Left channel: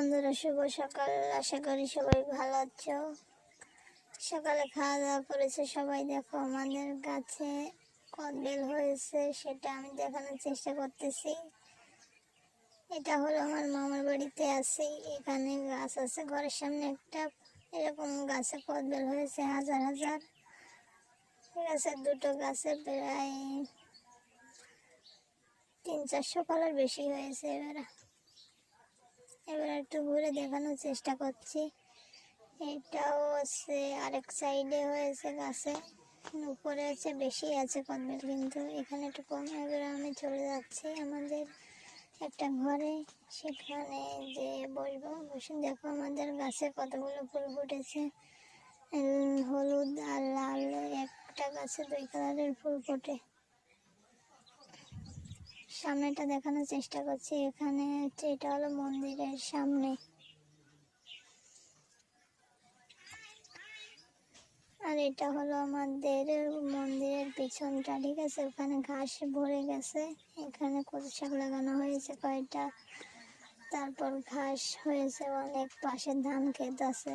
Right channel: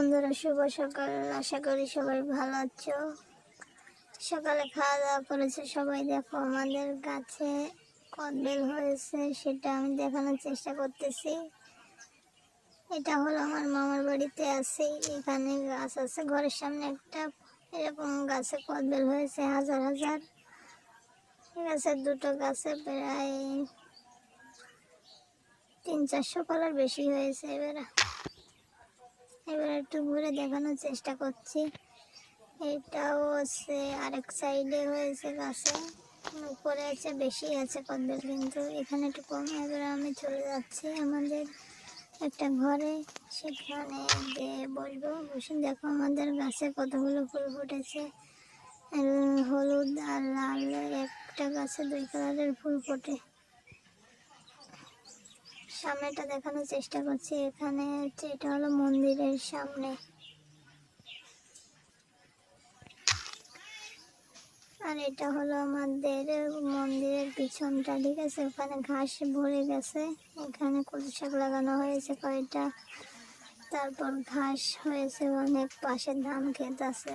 বন্ধুরা, শুভ সকাল। আশা করি সবাই ভালো আছো। সকালে খাওয়া দাওয়া করেছে সবাই। দেখো আমাদের গাছে কদবেল হয়েছে, সেটা আমি দেখানোর চেষ্টা করতেছি। এটা হলো আমার মামার বাড়িতে আছে, এখানে গাছ আছে ঘরের সামনে একটা। এরকম গাছে কদবেল হয়েছে হাজার হাজার। ঠিক আছে, দুটো গাছে প্রায় 300-400 কলার বেশি হয়েছে। এবার একটু ঘুরে দেখানোর চেষ্টা করছি। এটাও আছে, আরেক সাইডে হয়েছে গাছে, উপরে আছে, বেশি আছে কদবেল, কিন্তু এখানে একটু কম। এবার আমি চলে যাচ্ছি আমাদের একটা ঘরে, সেখানে গিয়ে বসবো। বসে দেখো আমাদের গাছে কতগুলো ফুল ফুটেছে, হলুদ আর লাল। একটা গাছে 2 কালারের ফুল ফোটে। সামনেটা দেখানোর চেষ্টা করছি। এখানে এটা হলো মন্দিরের সামনে, আর এটা হলো আমাদের মন্দিরের পিছনটা। ঠিক আছে, ওখানে ঘাস ভরে গেছে, এখানে কচু শাক লাগানো হয়েছে কয়টা, তারপর ঘাস হয়েছে অনেক, পাশে ধান ক্ষেত আছে।